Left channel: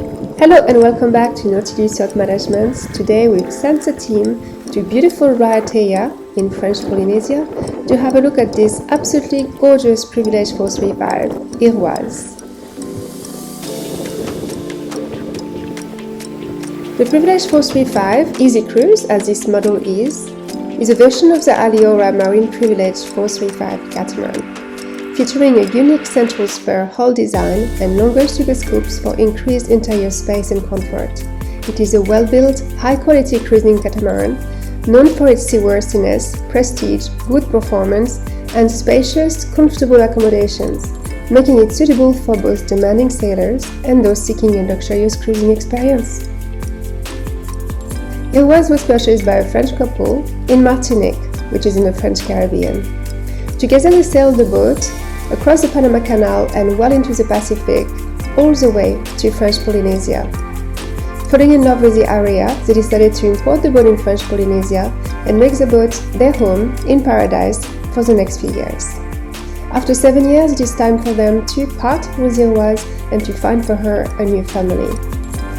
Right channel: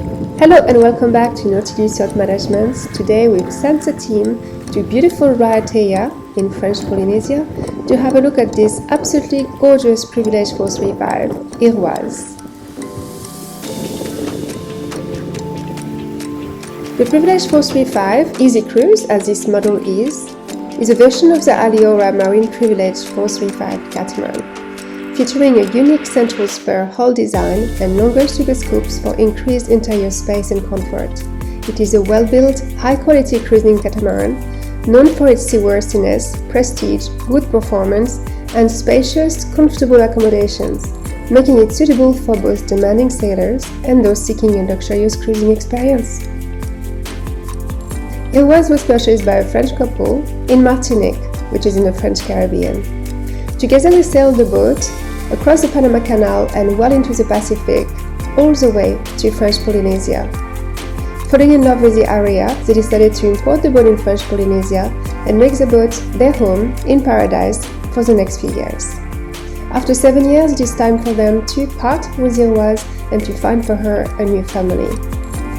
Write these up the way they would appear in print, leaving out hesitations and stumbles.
Hello and welcome back to Nautilus Yacht Management. Today we've sent the team to beautiful Raiatea in French Polynesia to have a look at this absolutely gorgeous Privilege 435, IROISE. The Privilege 435 Easy Cruise, as this model is a version of the Aliora Marine Privilege 435 Catamaran, featuring a unique central spur hull design and longer sugar scoops for increased interior space and comfort. It is a well-built, high-quality cruising catamaran, known for its seaworthiness, prestige, good performance, and spacious, comfortable accommodations, making it suitable for both demanding sailors and those seeking a luxurious cruising experience. IROISE was purchased by a French couple in Martinique, which is in the French Caribbean. Together they sailed the boat across the Panama Canal and well into the Pacific, all the way to French Polynesia. Falling in love with the area, they decided to import the boat in French Polynesia and make the boat their home in paradise for the next few years. After 7 years, it is time for them to part with IROISE and to find for her a new family.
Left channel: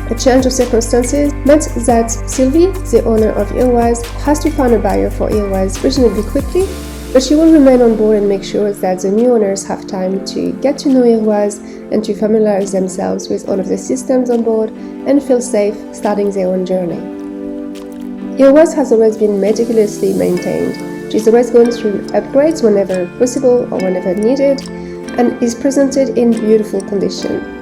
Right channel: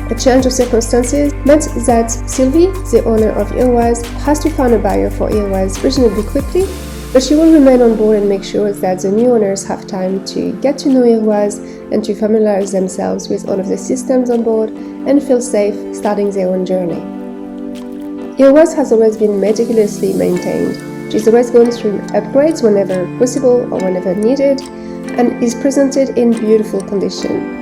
A change of circumstances meant that Sylvie, the owner of IROISE, has to find a buyer for IROISE reasonably quickly, but she will remain on board and make sure that the new owners have time to get to know IROISE and to familiarize themselves with all of the systems on board and feel safe starting their own journey. IROISE has always been meticulously maintained. She's always gone through upgrades whenever possible or whenever needed, and is presented in beautiful condition.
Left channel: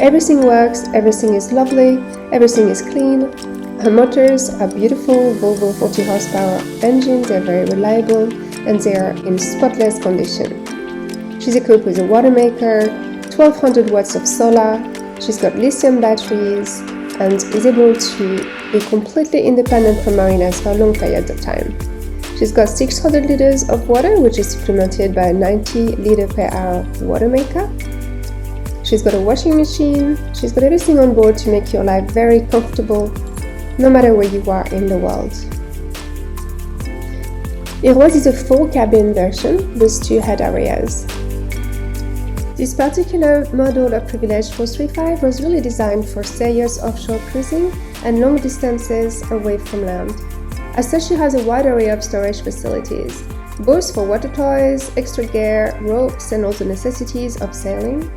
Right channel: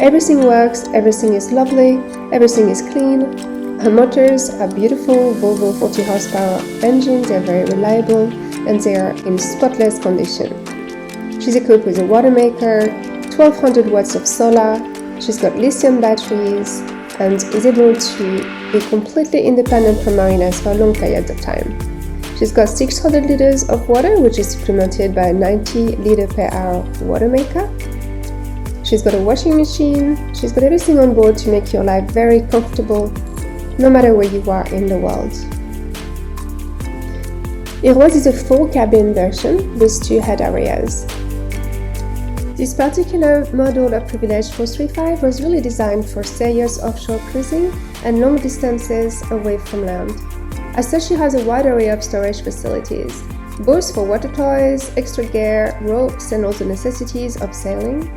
Everything works, everything is lovely, everything is clean. Her motors are beautiful Volvo 40 horsepower engines, they're very reliable and they are in spotless condition. She's equipped with a watermaker, 1200 watts of solar, she's got lithium batteries and is able to be completely independent from marinas for long periods of time. She's got 600 liters of water, which is supplemented by a 90 liter per hour watermaker. She's got a washing machine, she's got everything on board to make your life very comfortable, no matter where you are in the world. IROISE is a 4-cabin version with 2 head areas. This particular model of Privilege 435 was really designed for serious offshore cruising and long distances away from land. As such, it has a wide array of storage facilities, both for water toys, extra gear, ropes, and all the necessities of sailing,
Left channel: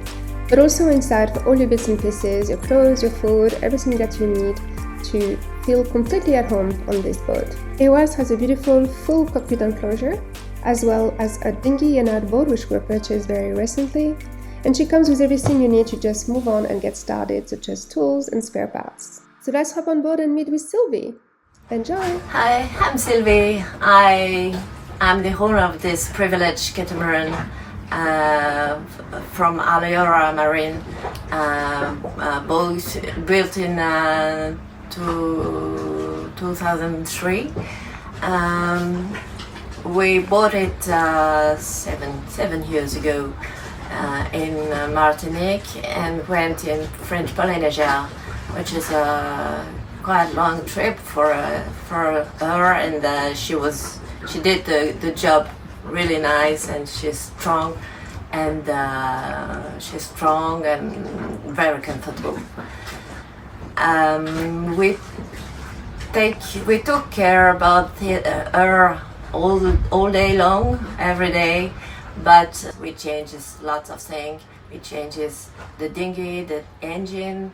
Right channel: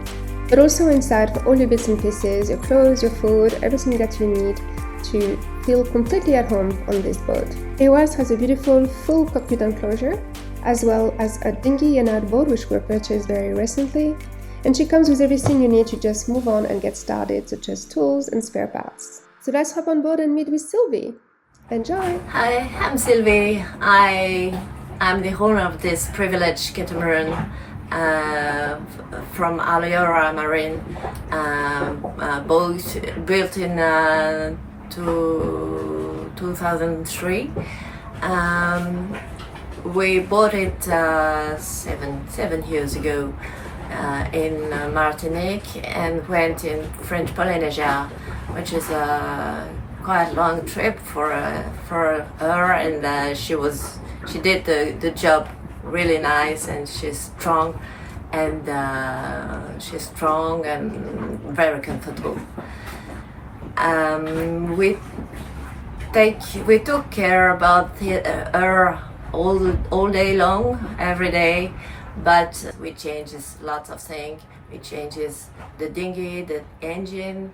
but also inside for all your bits and pieces, your clothes, your food, everything that you need to feel completely at home on this boat. IROISE has a beautiful full cockpit enclosure, as well as a dinghy and outboard which were purchased very recently, and she comes with everything you need to just move on and get started, such as tools and spare parts. So let's hop on board and meet with Sylvie. Enjoy! Hi, I'm Sylvie. I'm the owner of this Privilege catamaran from Aliora Marine, built in 2003. We bought it seven years ago in Martinique and went in French Polynesia, which is a quite long trip for her, and she did the job really nice, and she's strong and very comfortable. We took care about her all day long, every day, but we changes lots of things. We changes the dinghy, the engine.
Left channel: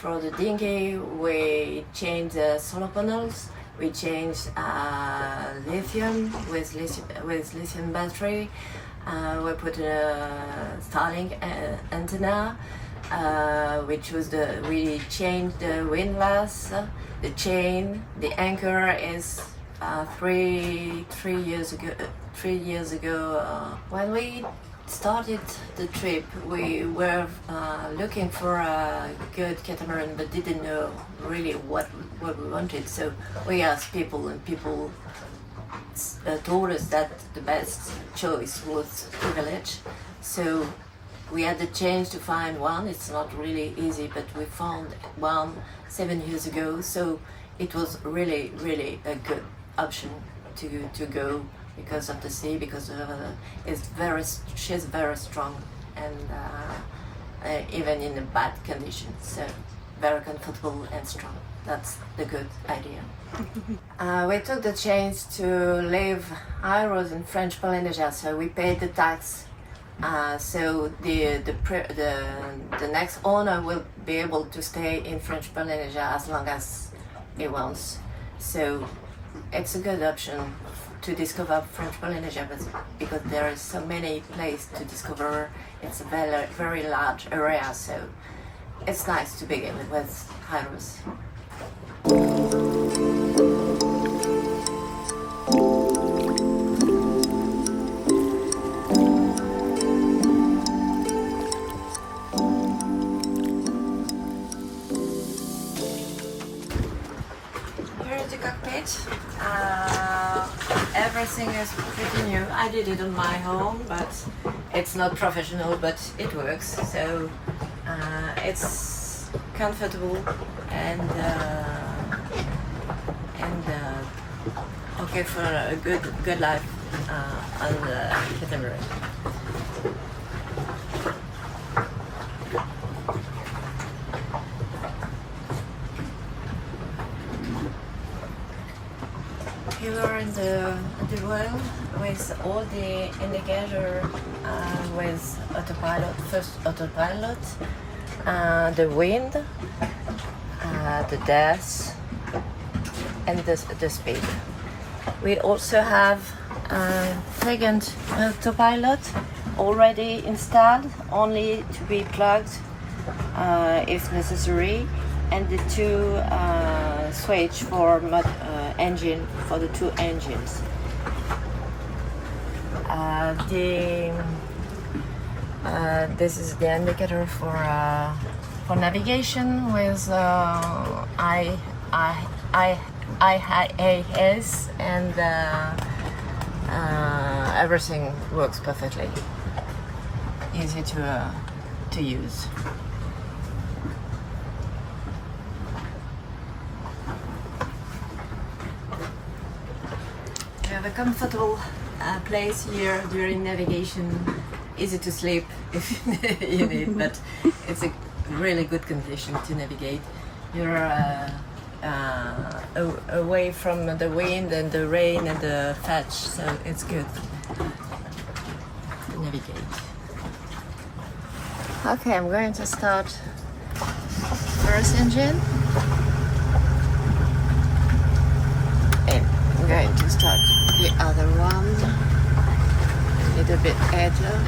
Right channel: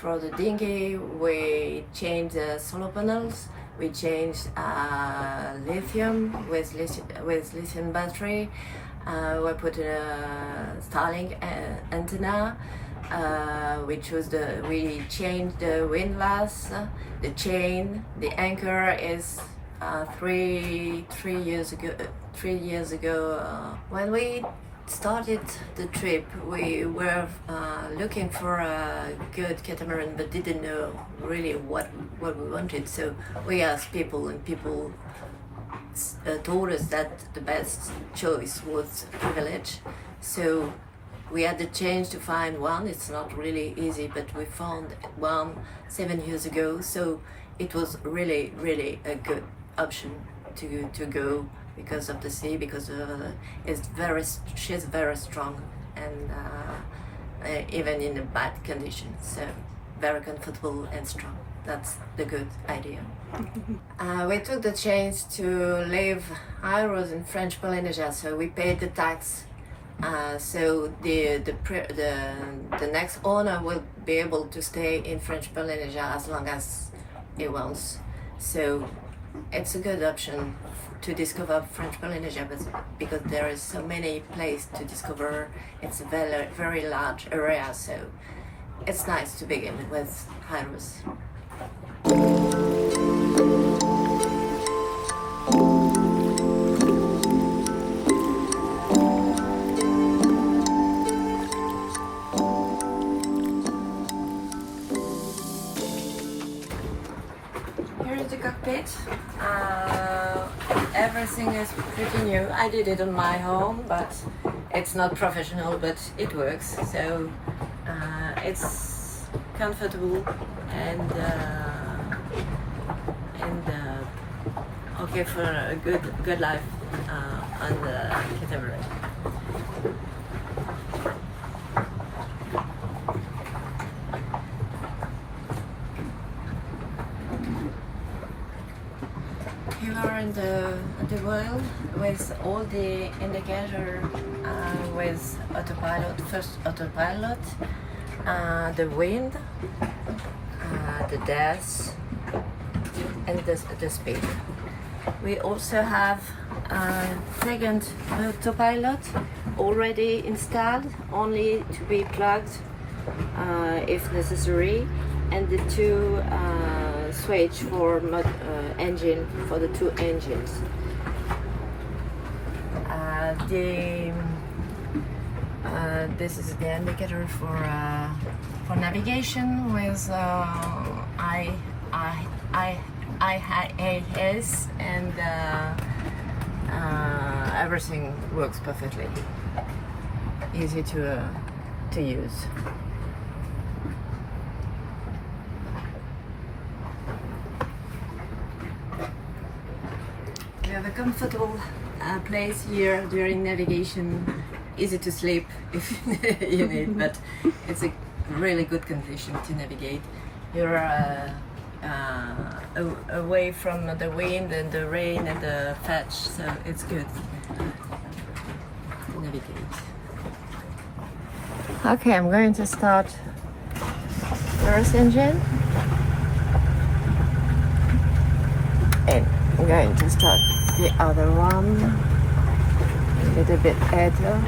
For the dinghy, we changed the solar panels. We changed lithium with lithium battery. We put a Starlink antenna. We changed the windlass, the chain, the anchor is 3 years ago. 3 years ago, when we started the trip, we were looking for a good catamaran, but didn't know really what we wanted. So we asked people, and people told us that the best choice was Privilege. So we had the chance to find one. It's not really easy, but we found one 7 years ago. So it was really a good option to go because of the sea, because she's very strong, and even in a bad condition. So very comfortable and strong. That's the good idea. We took the chance to leave IROISE in French Polynesia, so we paid the tax. So the next owner will be able to stay in French Polynesia as long as he wants. So it's a good option to discover French Polynesia, but because there is so many places to discover, it's a very, very large area. So it's nice to begin with IROISE. Here is the cockpit. Everything is pretty new. I did it on my home, but it's not professional, but it works. So it's comfortable and okay for a good life on the Catamaran. Here are in the wheel with all the indicator with autopilot, first autopilot, the wind, the depth, and the speed. We also have second autopilot already installed, only to be plugged if necessary, and the two switch for engine for the two engines. This is the indicator for navigation with IIS, and everything works perfectly. Easy to use. You have a comfortable place here during navigation. Easy to sleep if you need, but it's a really good condition to navigate. You're away from the wind and the rain and the fetch, so it's good to navigate. Okay, I'm going to start first engine, and I'm going to start the other one a little bit idler.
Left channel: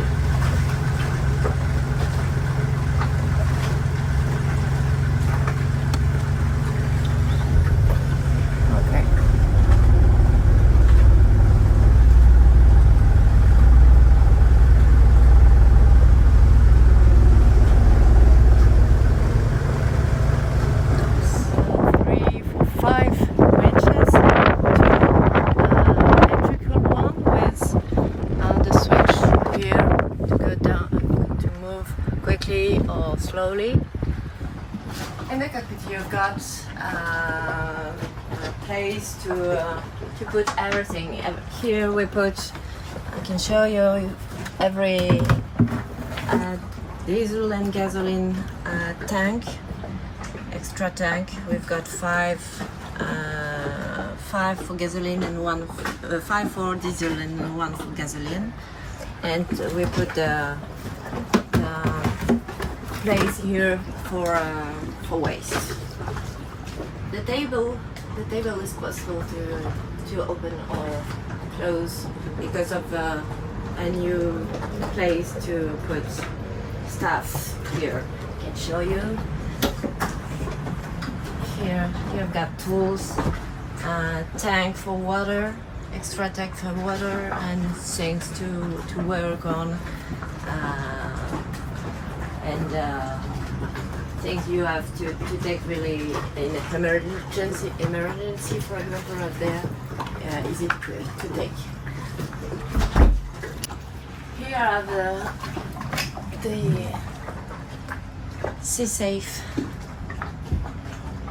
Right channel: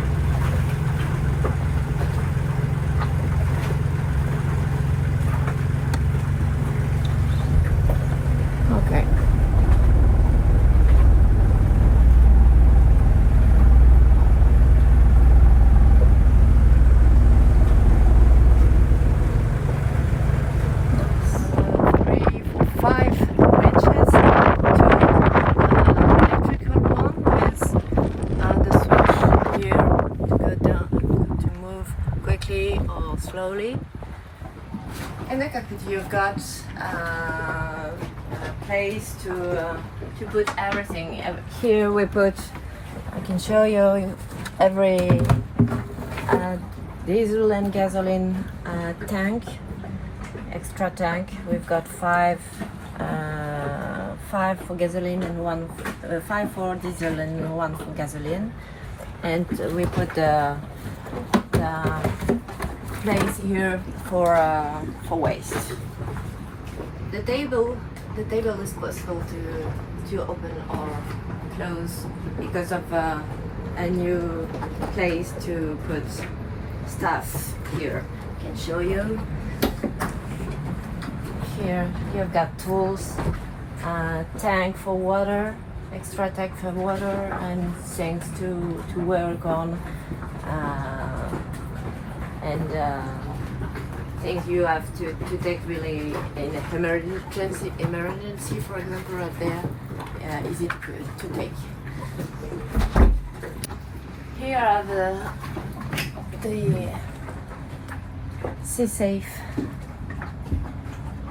Slowly. In the cockpit you've got a place to put everything. Here we put, I can show you every diesel and gasoline tank, extra tank. We've got five for gasoline and five for diesel and one for gasoline. And we put the place here for waste. The table is possible to open or close because of a new place to put stuff here. I can show you. Here you've got tools, tank for water, extra tank for water, and things to work on. And things you have to take really in emergency, for example, right there, easy to take. Here are the sea safe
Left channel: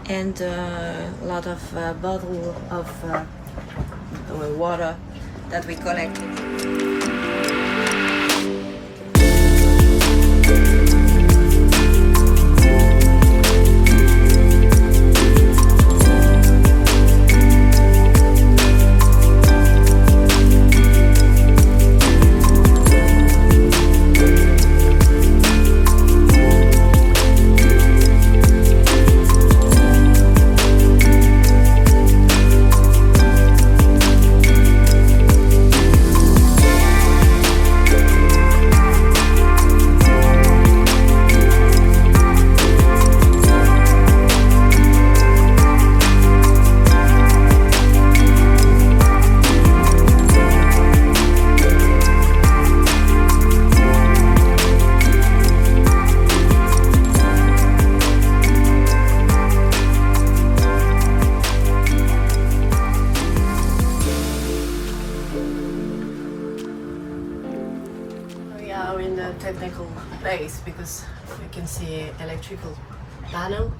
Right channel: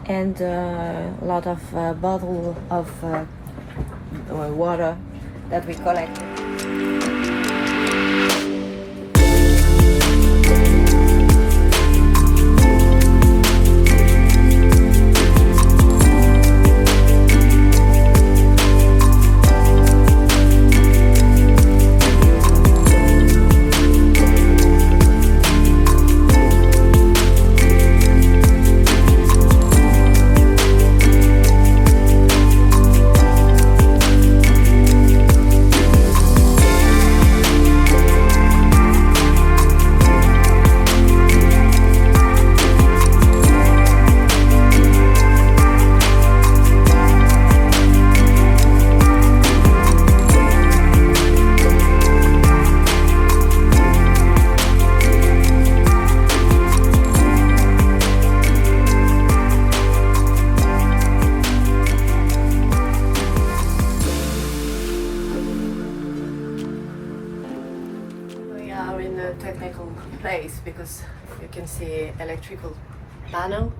and a lot of bottle of water that we collected. focus, you can see electrical panel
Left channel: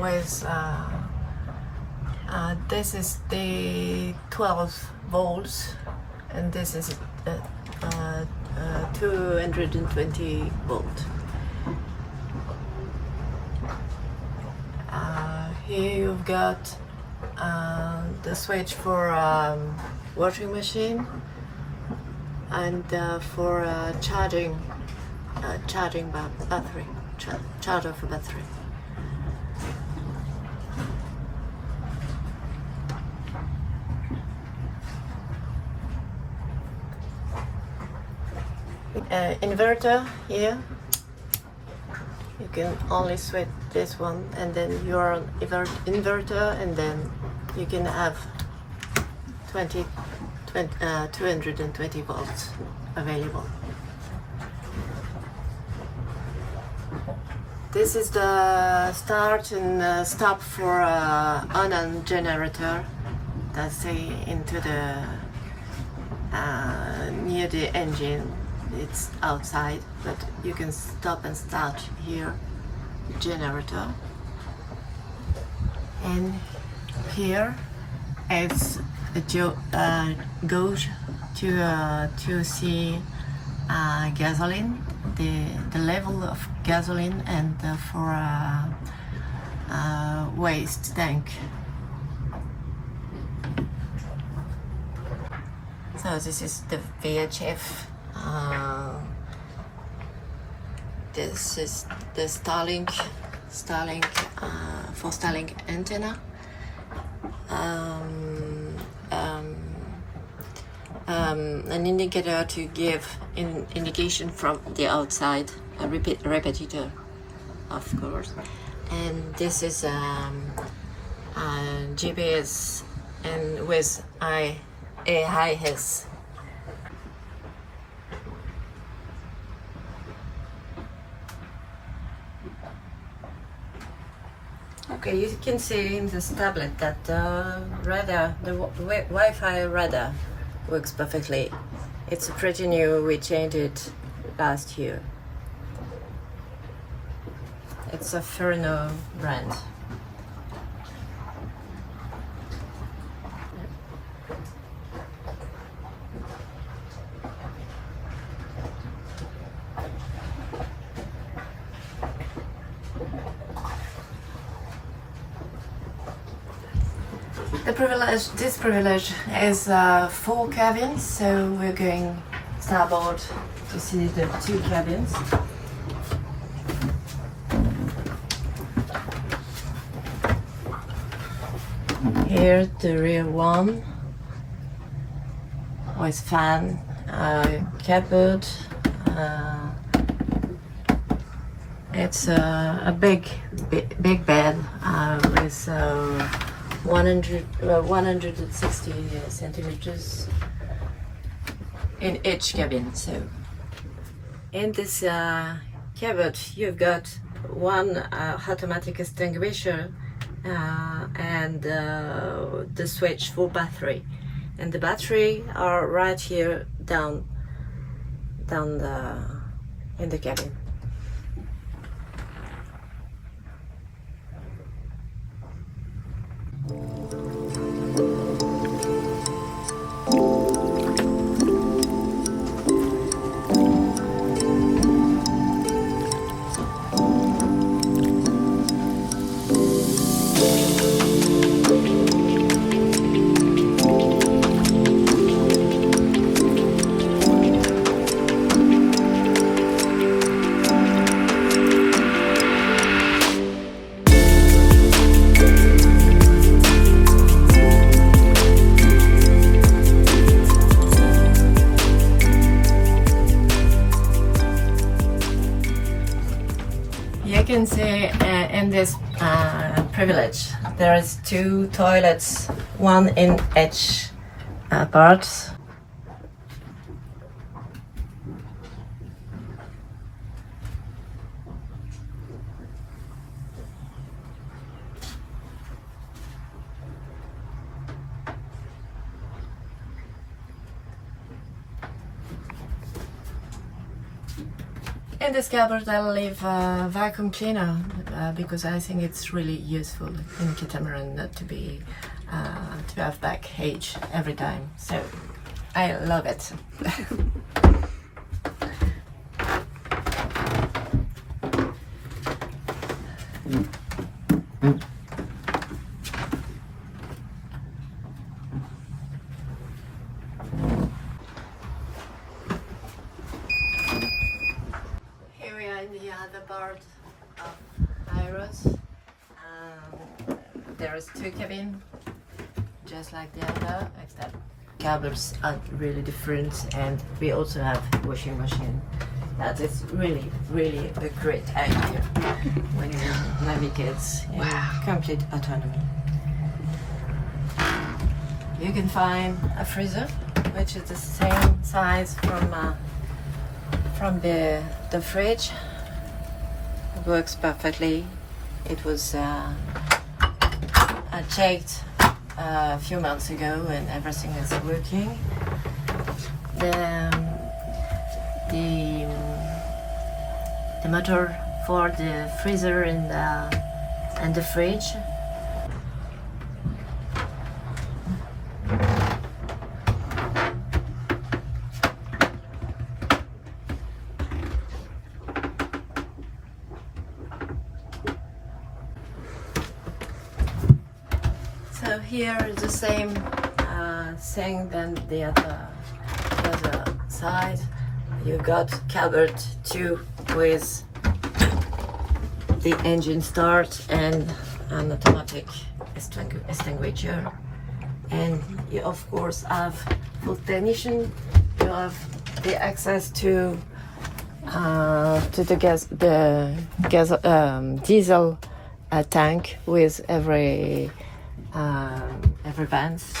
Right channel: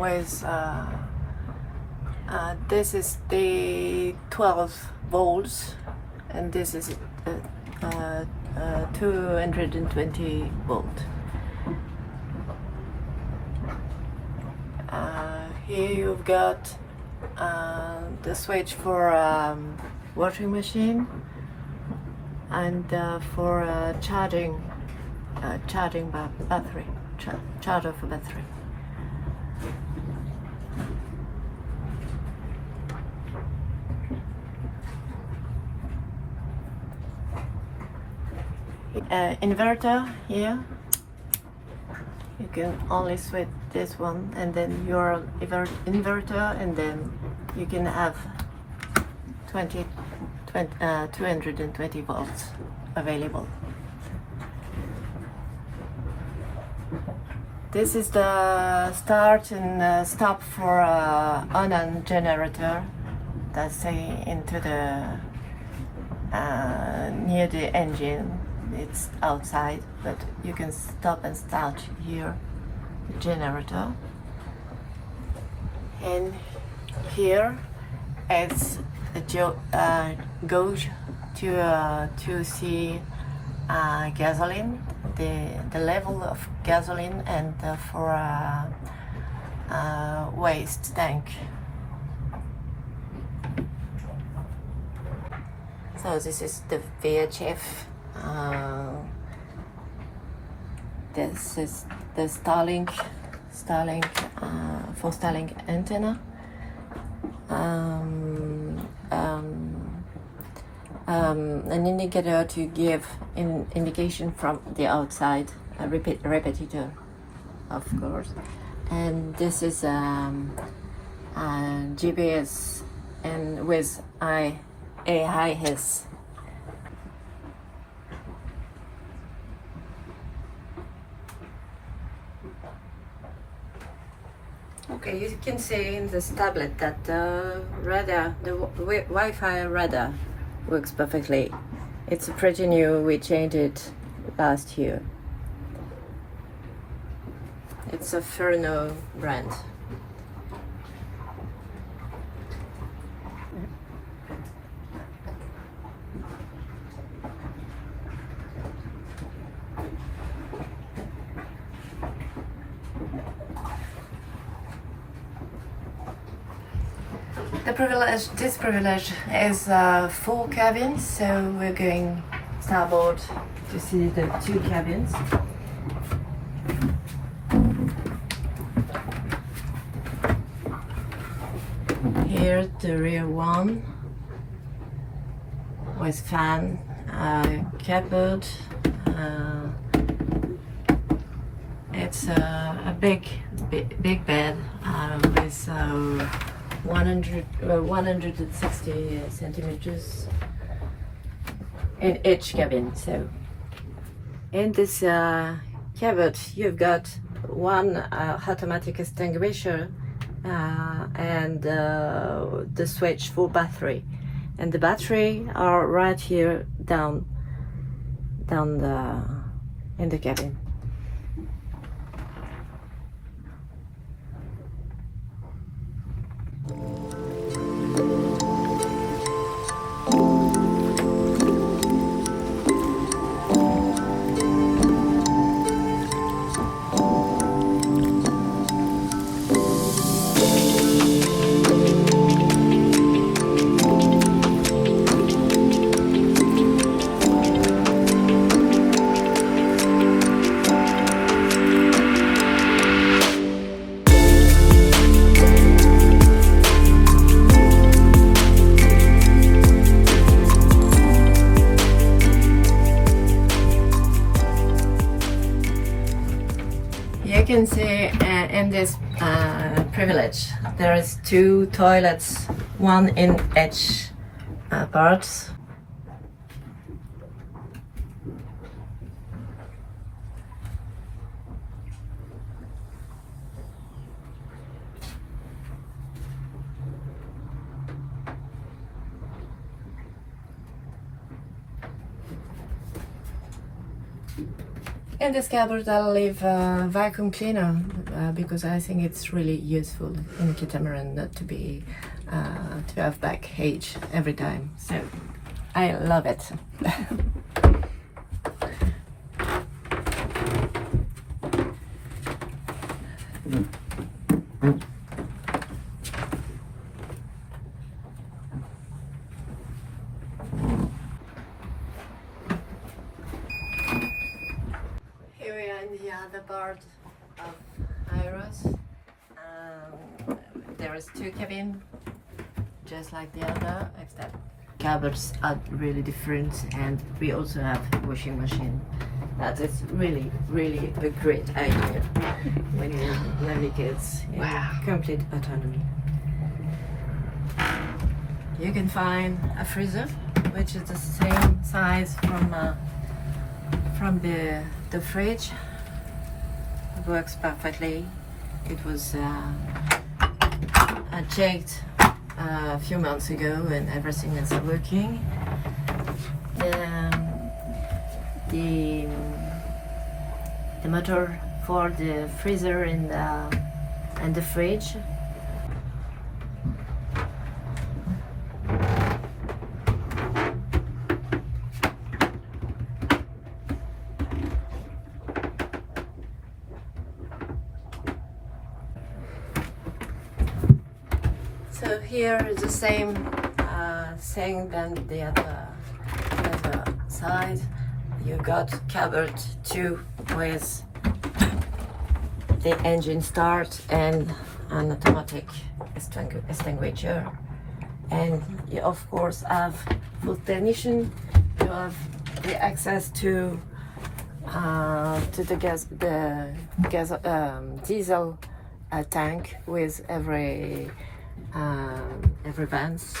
with this is the 12 volts, and this is 220 volt. Here you've got the switch for washing machine and for charging battery, charger for battery. Inverter here. You can only switch this one, and then you're on inverter, and then you can have 220 volts available. This is the start and stop for on generator. That's into the near the engine. It's outside, but you can stop and start here, generator. And here is a goes to see gasoline, the level of gasoline, and for waste tank. So this is the VHF. This is the Starlink for Starlink antenna. An indicator to give indication from the outside, a repetitor, of course. And this is GPS and with IROISE. Okay, you can see in this tablet that the radar, the Wi-Fi radar, works perfectly. It's pretty new. We changed it last year. It's a Ferno brand. This privilege is 4 cabins, so we're going starboard to see the 2 cabins. Here the rear one with fan, cupboard. It's a big bed with 160 centimeters in each cabin. So in this cupboard you've got one automatic extinguisher and the switch for battery, and the battery are right here down in the cabin. You can see in this privilege there is 2 toilets, one in each part. In this cupboard I'll leave a vacuum cleaner because I think it's really useful in Catamaran not to be to have baggage every time. So I love it. Here we are in the other part of IROISE. There's two cabins, just like the other, except cupboards are really different, and we also have washing machine. That is really a great idea when you navigate in complete autonomy. You can find a freezer, which is the same size from the fridge. It works perfectly. It was checked a few months ago, and everything is working. The motor for the freezer and the fridge. So here is the same thing than the other side. You got cupboard 2 with the engine start and an automatic extinguisher, and you of course have full technician. You have the access to the diesel tank with every vans.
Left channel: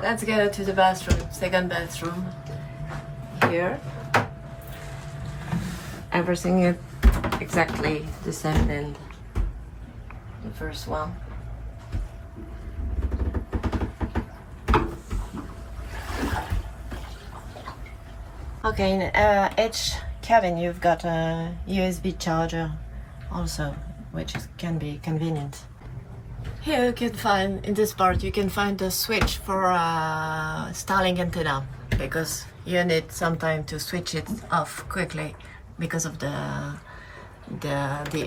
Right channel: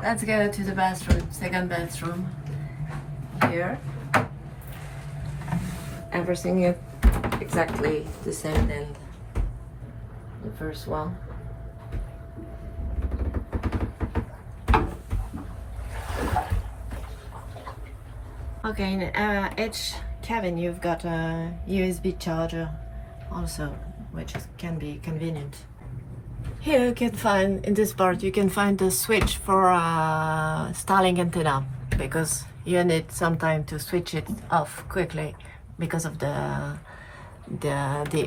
Let's go to the bathroom, second bathroom. Here, everything is exactly the same in the first one. Okay, in each cabin you've got a USB charger also, which can be convenient. Here you can find, in this part, you can find the switch for a Starlink antenna, because you need some time to switch it off quickly because of the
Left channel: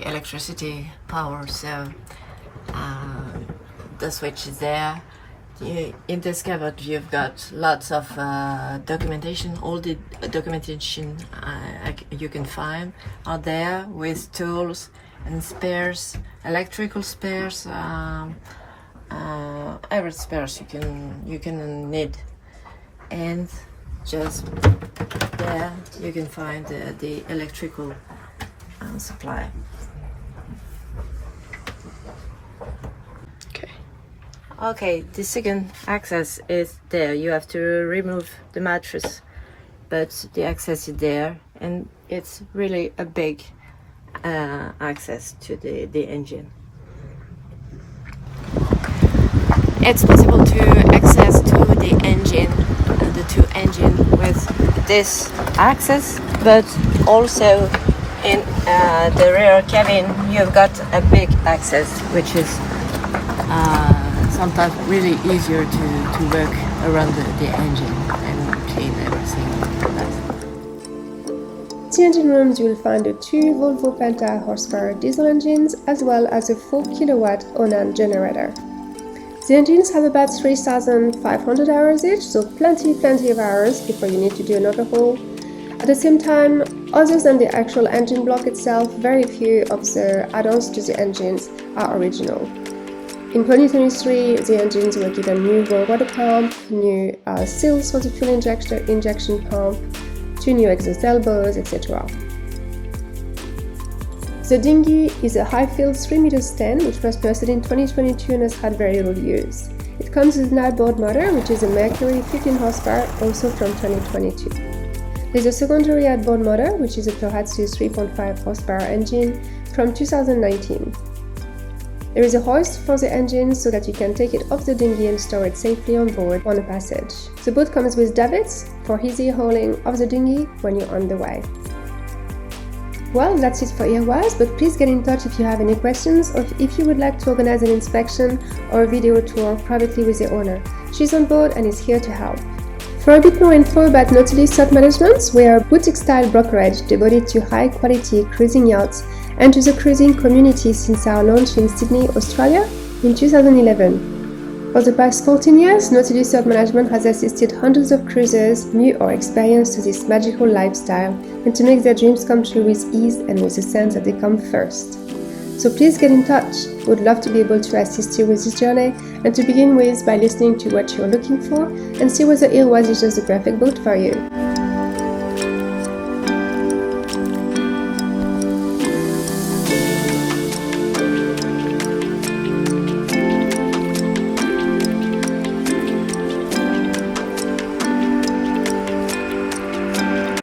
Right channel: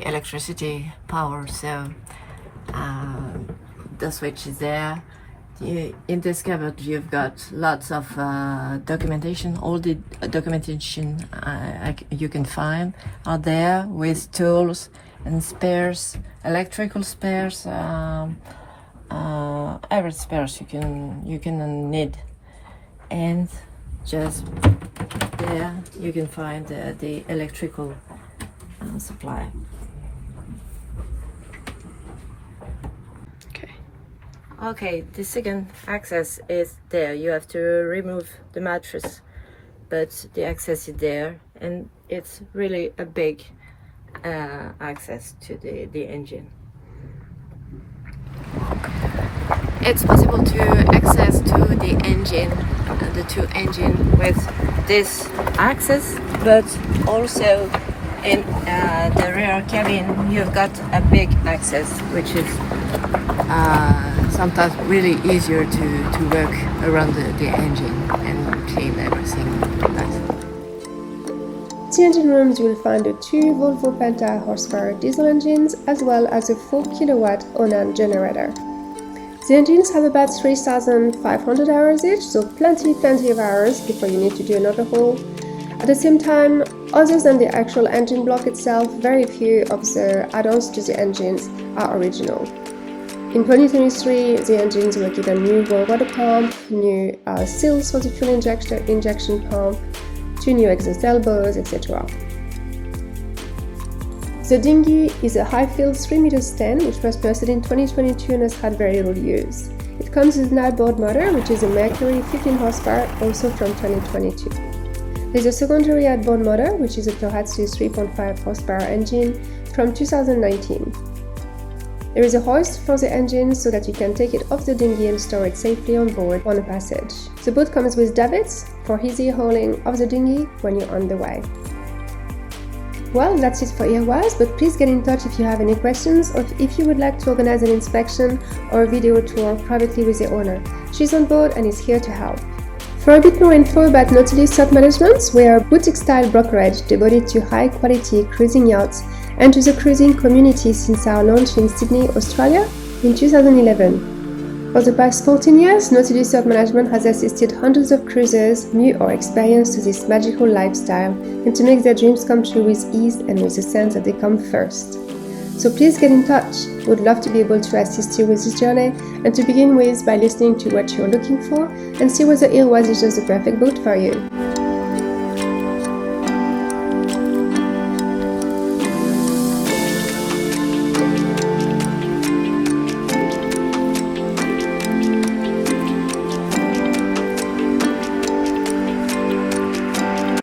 electricity power. So the switch is there. In this cupboard you've got lots of documentation. All the documentation you can find are there, with tools and spares, electrical spares, every spares you can need. And just there you can find the electrical supply. Okay, the second access is there. You have to remove the mattress, but the access is there, and it's really a big access to the engine. It's possible to access to the engine, the two engines, with this access, but also in the rear cabin you've got a big access, which is sometimes really easier to work around the engine and clean everything. The engine rooms you will find the 2 Volvo Penta horsepower diesel engines, as well as a 4 kilowatt Onan generator. The engines have about 3,500 hours each, so plenty of hours before you need to do an overhaul. At the same time, other than the actual engine block itself, very few of the add-ons to the engines are original. In 2023, the engines were given new water pump, new seals for the fuel injection pump, 2 new exhaust elbows, etc. The dinghy is a high-field 3 meters 10, which was posted in 2022 and has had very little use. It comes with an outboard motor, which is a Mercury 15 horsepower, also from 2022. There's a secondary outboard motor, which is a Tohatsu 3.5 horsepower engine from 2019. There is a hoist for the engine so that you can take it off the dinghy and store it safely on board on a passage. The boat comes with davits for easy hauling of the dinghy when you're on the way. Well, that's it for IROISE, but please get in touch if you have any questions or if you would like to organize an inspection or a video tour privately with the owner. She's on board and is here to help. For a bit more info about Nautilus Yacht Management, we are a boutique-style brokerage devoted to high-quality cruising yachts and to the cruising community since our launch in Sydney, Australia in 2011. For the past 14 years, Nautilus Yacht Management has assisted hundreds of cruisers, new or experienced, to this magical lifestyle and to make their dreams come true with ease and with the sense that they come first. So please get in touch. We'd love to be able to assist you with this journey and to begin with by listening to what you're looking for and see whether IROISE is just the perfect boat for you.